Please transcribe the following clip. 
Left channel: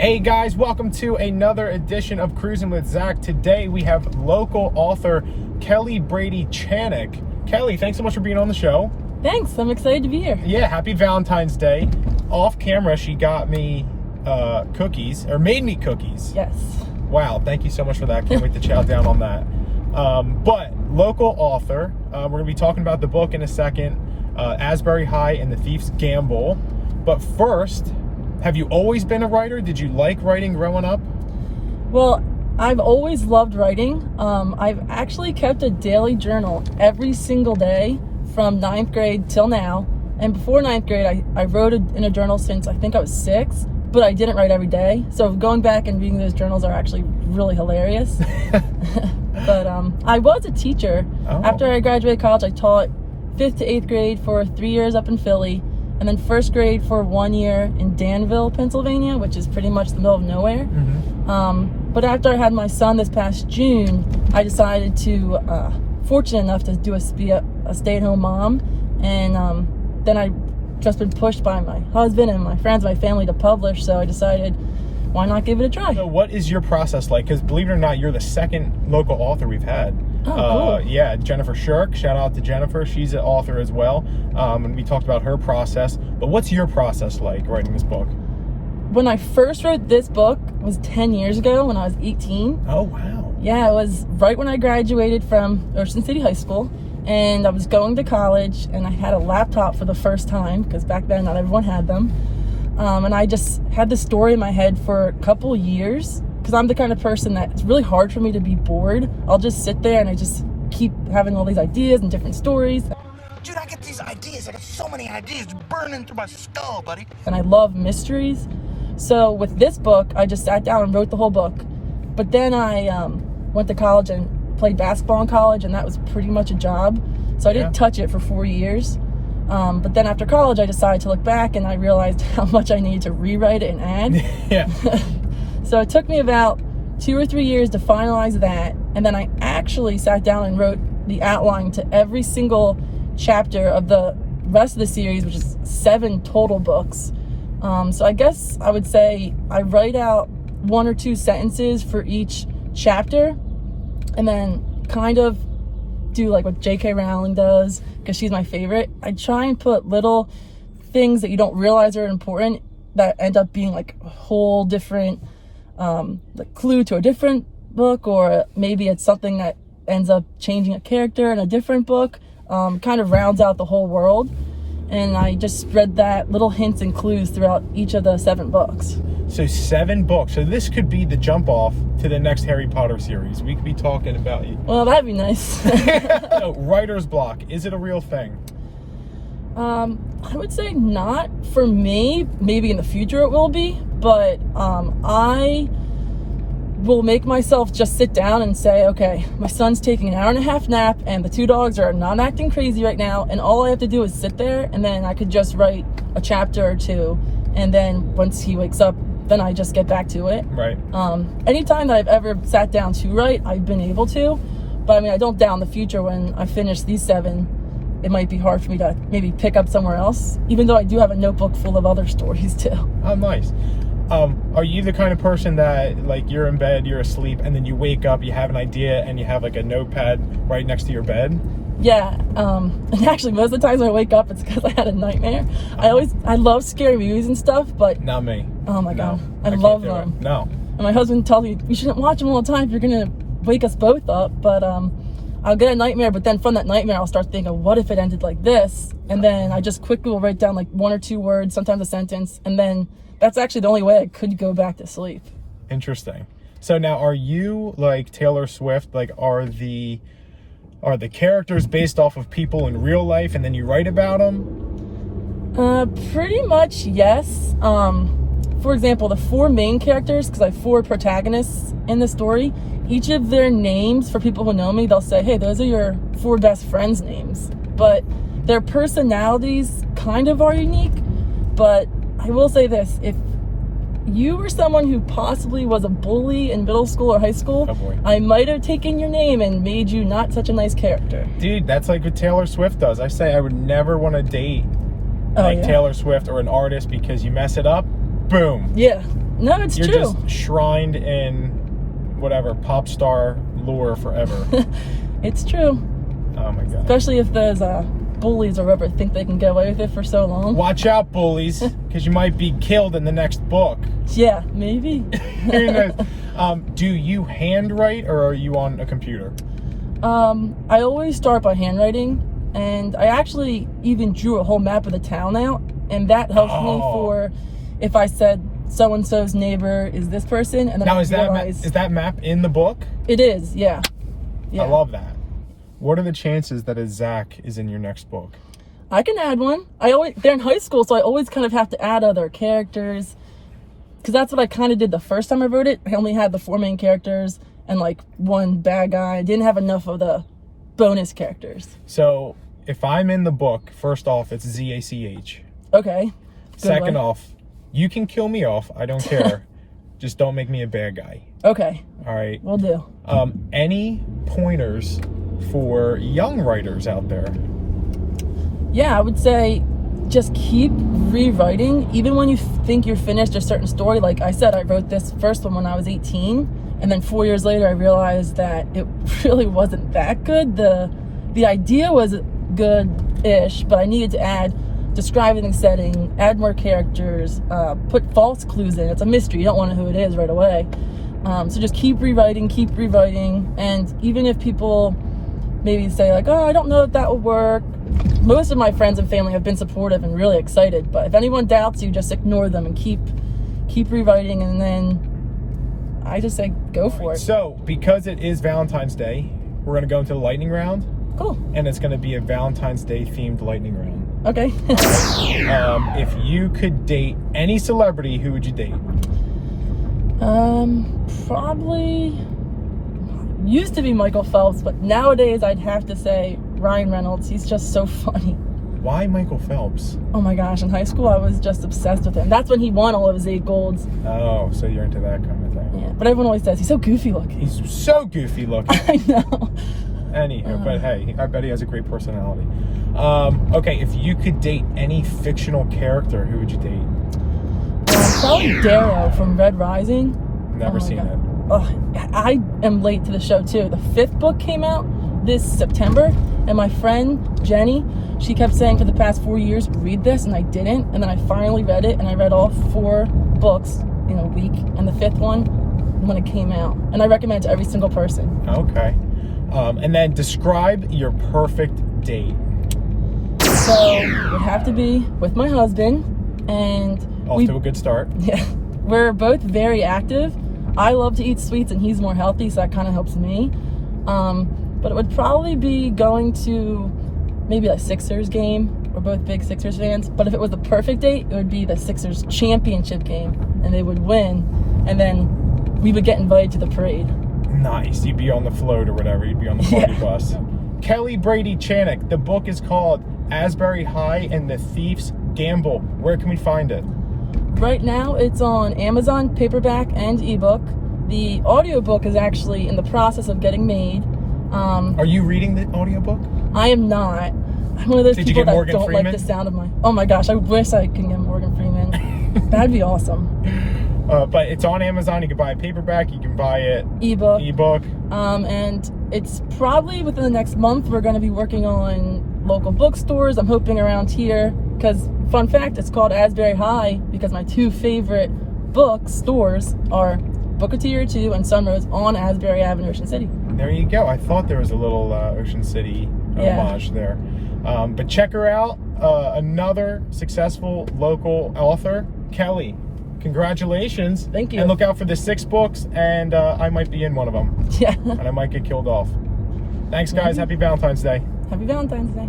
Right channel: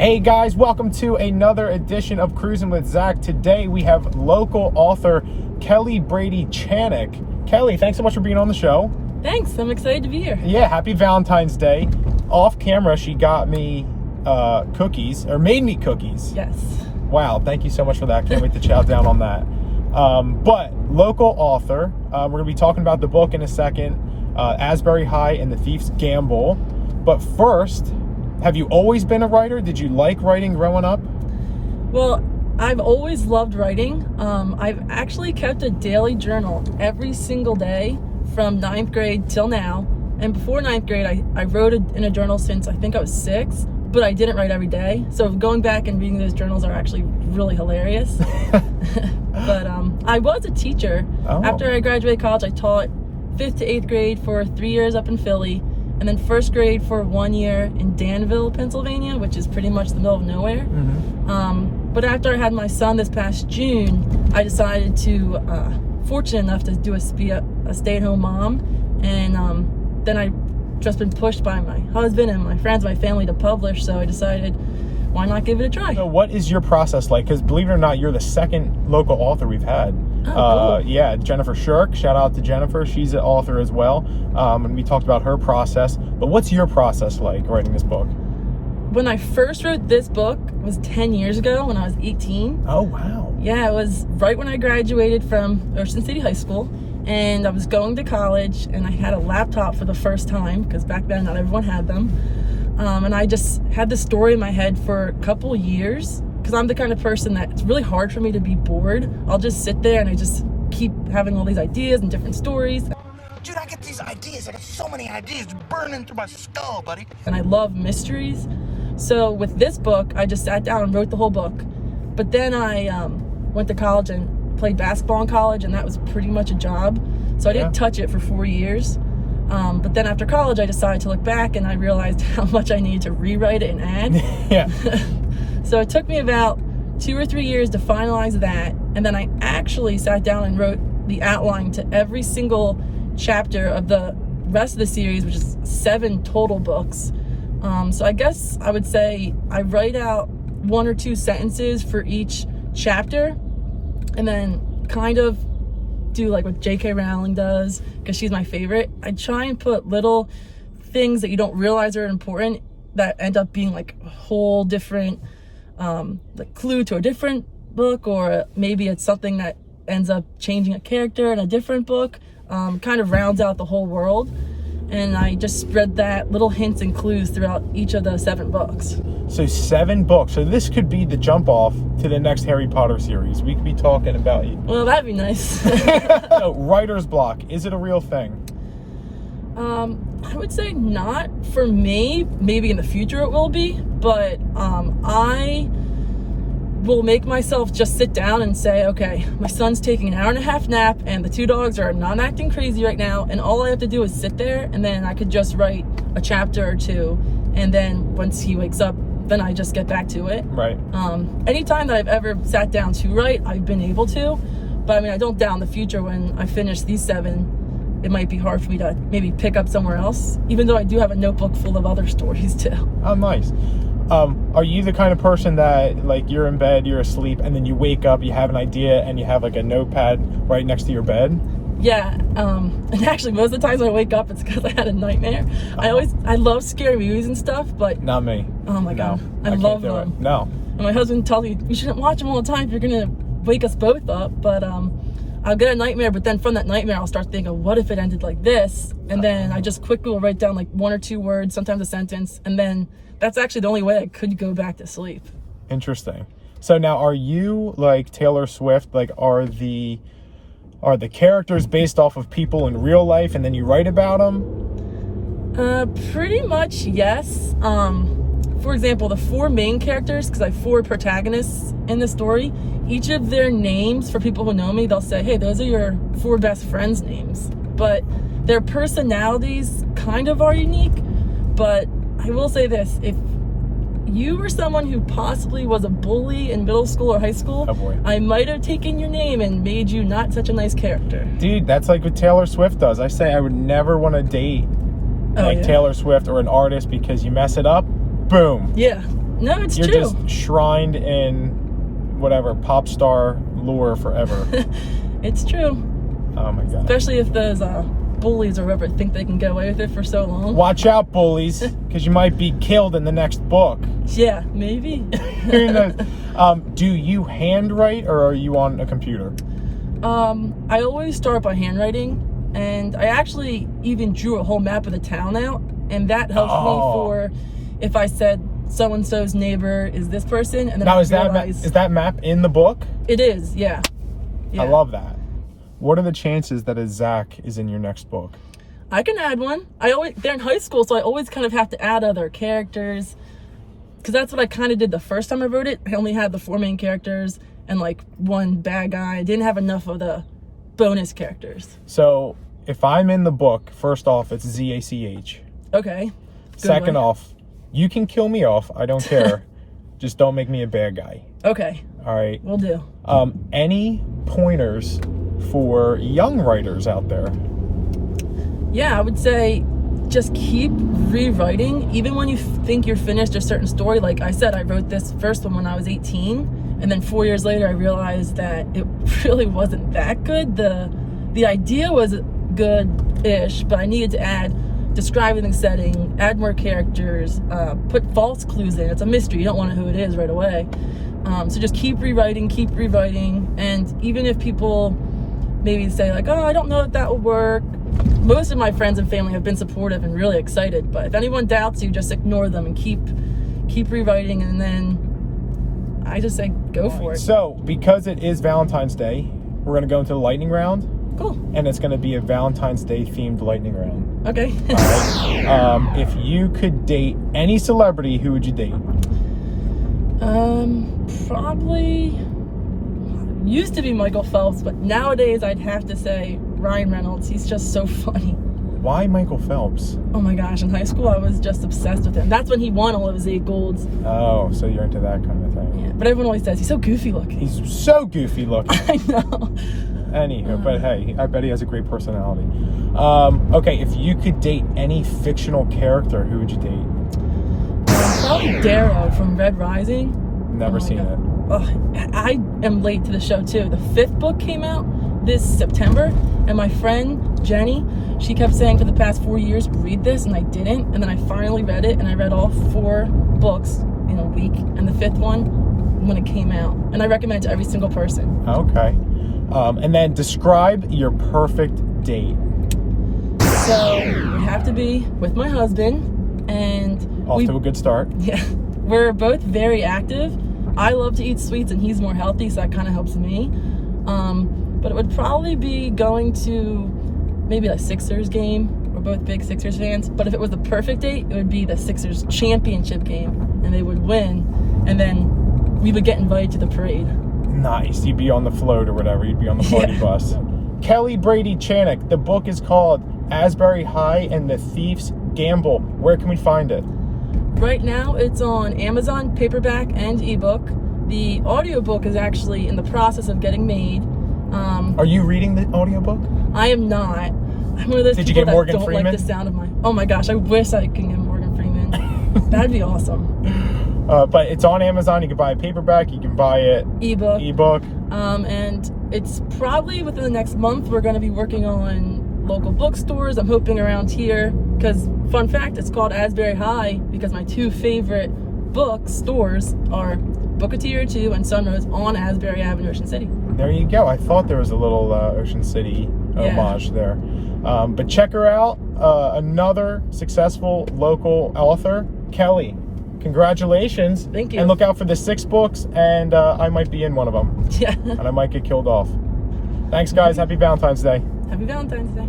Hey guys, welcome to another edition of Cruisin with Zach. Today we have local author Kelly Brady Channick. Kelly, thanks so much for being on the show. Thanks, I'm excited to be here. Yeah, happy Valentine's Day. Off camera, she got me cookies, or made me cookies. Yes. Wow, thank you so much for that. Can't wait to chow down on that. But local author, we're going to be talking about the book in a second, Asbury High and the Thief's Gamble. But first, have you always been a writer? Did you like writing growing up? Well, I've always loved writing. I've actually kept a daily journal every single day from 9th grade till now. And before 9th grade, I wrote in a journal since I think I was 6, but I didn't write every day. So going back and reading those journals are actually really hilarious. But I was a teacher. Oh. After I graduated college, I taught 5th to 8th grade for 3 years up in Philly. And then 1st grade for 1 year in Danville, Pennsylvania, which is pretty much the middle of nowhere. Mm-hmm. But after I had my son this past June, I decided to, fortunate enough to be a stay-at-home mom. And then I just been pushed by my husband and my friends, my family to publish. So I decided, why not give it a try? So what is your process like? Because believe it or not, you're the second local author we've had. Oh, cool. Yeah, Jennifer Shirk. Shout out to Jennifer. She's an author as well. And we talked about her process. But what's your process like writing this book? When I first wrote this book was 10 years ago when I was 18. Oh, wow. Yeah, it was right when I graduated from Ocean City High School. And I was going to college and I had a laptop for the first time because back then not everyone had them. And I just had this story in my head for a couple years because I'm the kind of person that it's really hard for me to be bored. I'll just sit there and I just keep having all these ideas and different stories. Dude, I get these ideas. I got so many ideas burning through my skull, buddy. And I love mysteries. So with this book, I just sat down and wrote the whole book. But then I went to college and played basketball in college, and that was pretty much a job. So I didn't touch it for 4 years. But then after college, I decided to look back, and I realized how much I needed to rewrite it and add. Yeah. So it took me about 2 or 3 years to finalize that. And then I actually sat down and wrote the outline to every single chapter of the rest of the series, which is 7 total books. So I guess I would say I write out 1 or 2 sentences for each chapter, and then kind of do like what J.K. Rowling does, because she's my favorite. I try and put little things that you don't realize are important that end up being like a whole different like clue to a different book, or maybe it's something that ends up changing a character in a different book. Kind of rounds out the whole world. And I just spread that little hints and clues throughout each of the 7 books. So 7 books. So this could be the jump off to the next Harry Potter series. We could be talking about you. Well, that'd be nice. So writer's block, is it a real thing? I would say not for me. Maybe in the future it will be. But I will make myself just sit down and say, okay, my son's taking an 1.5-hour nap and the 2 dogs are not acting crazy right now, and all I have to do is sit there, and then I could just write a chapter or 2, and then once he wakes up, then I just get back to it. Right. Anytime that I've ever sat down to write, I've been able to, but I mean, I don't doubt in the future when I finish these 7, it might be hard for me to maybe pick up somewhere else, even though I do have a notebook full of other stories too. Oh, nice. Are you the kind of person that, like, you're in bed, you're asleep, and then you wake up, you have an idea, and you have, like, a notepad right next to your bed? Yeah, and actually, most of the times when I wake up, it's because I had a nightmare. I love scary movies and stuff, but... Not me. Oh, my God. I love can't do them. it. No. And my husband tells me, you shouldn't watch them all the time if you're going to wake us both up, but I'll get a nightmare, but then from that nightmare, I'll start thinking, what if it ended like this? And then I just quickly will write down, like, 1 or 2 words, sometimes a sentence, and then... That's actually the only way I could go back to sleep. Interesting. So now, are you like Taylor Swift? Like, are the characters based off of people in real life, and then you write about them? Pretty much, yes. For example, the 4 main characters, because I have 4 protagonists in the story. Each of their names, for people who know me, they'll say, "Hey, those are your 4 best friends' names." But their personalities kind of are unique. But I will say this, if you were someone who possibly was a bully in middle school or high school, oh boy, I might have taken your name and made you not such a nice character. Dude, that's like what Taylor Swift does. I say I would never want to date like Taylor Swift or an artist because you mess it up, boom. Yeah. No, it's You're true. just shrined in whatever pop star lure forever. It's true. Oh my god. Especially if those bullies or whoever think they can get away with it for so long. Watch out, bullies, because you might be killed in the next book. Yeah, maybe. Do you handwrite or are you on a computer? I always start by handwriting, and I actually even drew a whole map of the town out, and that helps me for if I said so-and-so's neighbor is this person, and then Now, I is that map in the book? It is, yeah. I love that. What are the chances that a Zach is in your next book? I can add one. They're in high school, so I always kind of have to add other characters, because that's what I kind of did the first time I wrote it. I only had the 4 main characters and like one bad guy. I didn't have enough of the bonus characters. So if I'm in the book, first off, it's Z-A-C-H. Okay. Second off, you can kill me off. I don't care. Just don't make me a bad guy. Okay. All right. Will do. Any pointers for young writers out there? Yeah, I would say just keep rewriting. Even when you think you're finished a certain story. Like I said, I wrote this first one when I was 18. And then 4 years later, I realized that it really wasn't that good. The idea was good-ish, but I needed to describe the setting, add more characters, put false clues in. It's a mystery. You don't want to know who it is right away. So just keep rewriting. And even if people maybe say like, oh, I don't know if that will work, most of my friends and family have been supportive and really excited. But if anyone doubts you, just ignore them and keep rewriting, and then I just say go for it. So, because it is Valentine's Day, we're going to go into the lightning round. Cool. And it's going to be a Valentine's Day themed lightning round. Okay. If you could date any celebrity, who would you date? Probably used to be Michael Phelps, but nowadays I'd have to say Ryan Reynolds. He's just so funny. Why Michael Phelps? Oh my gosh, in high school I was just obsessed with him. That's when he won all of his 8 golds. Oh, so you're into that kind of thing. Yeah, but everyone always says he's so goofy looking. He's so goofy looking. I know. Anywho, but hey, I bet he has a great personality. Okay, if you could date any fictional character, who would you date? Probably Darrow from Red Rising. Never seen it. Oh, I am late to the show too. The 5th book came out this September, and my friend Jenny, she kept saying for the past 4 years, read this, and I didn't. And then I finally read it, and I read all 4 books in a week, and the 5th one when it came out. And I recommend it to every single person. Okay. And then describe your perfect date. So it would have to be with my husband, and Off to a good start. Yeah, we're both very active. I love to eat sweets, and he's more healthy, so that kind of helps me. But it would probably be going to maybe a Sixers game. We're both big Sixers fans. But if it was the perfect date, it would be the Sixers championship game, and they would win, and then we would get invited to the parade. Nice. You'd be on the float or whatever. You'd be on the party bus. Kelly Brady Channick. The book is called Asbury High and the Thief's Gamble. Where can we find it? Right now, it's on Amazon, paperback and ebook. The audiobook is actually in the process of getting made. Are you reading the audiobook? I am not. I'm one of those people that don't Freeman? like the sound of my... Oh my gosh, I wish I could get Morgan Freeman. That'd be awesome. But it's on Amazon. You can buy a paperback. You can buy it ebook. And it's probably within the next month. We're going to be working on local bookstores. I'm hoping around here, because fun fact, it's called Asbury High because my 2 favorite bookstores are Booker T or 2 and Sunrose on Asbury Avenue, Ocean City. There you go. I thought there was a little Ocean City homage there. But check her out. Another successful local author, Kelly. Congratulations. Thank you. And look out for the 6 books, and I might be in one of them. Yeah. And I might get killed off. Thanks, guys. Happy Valentine's Day. Happy Valentine's Day.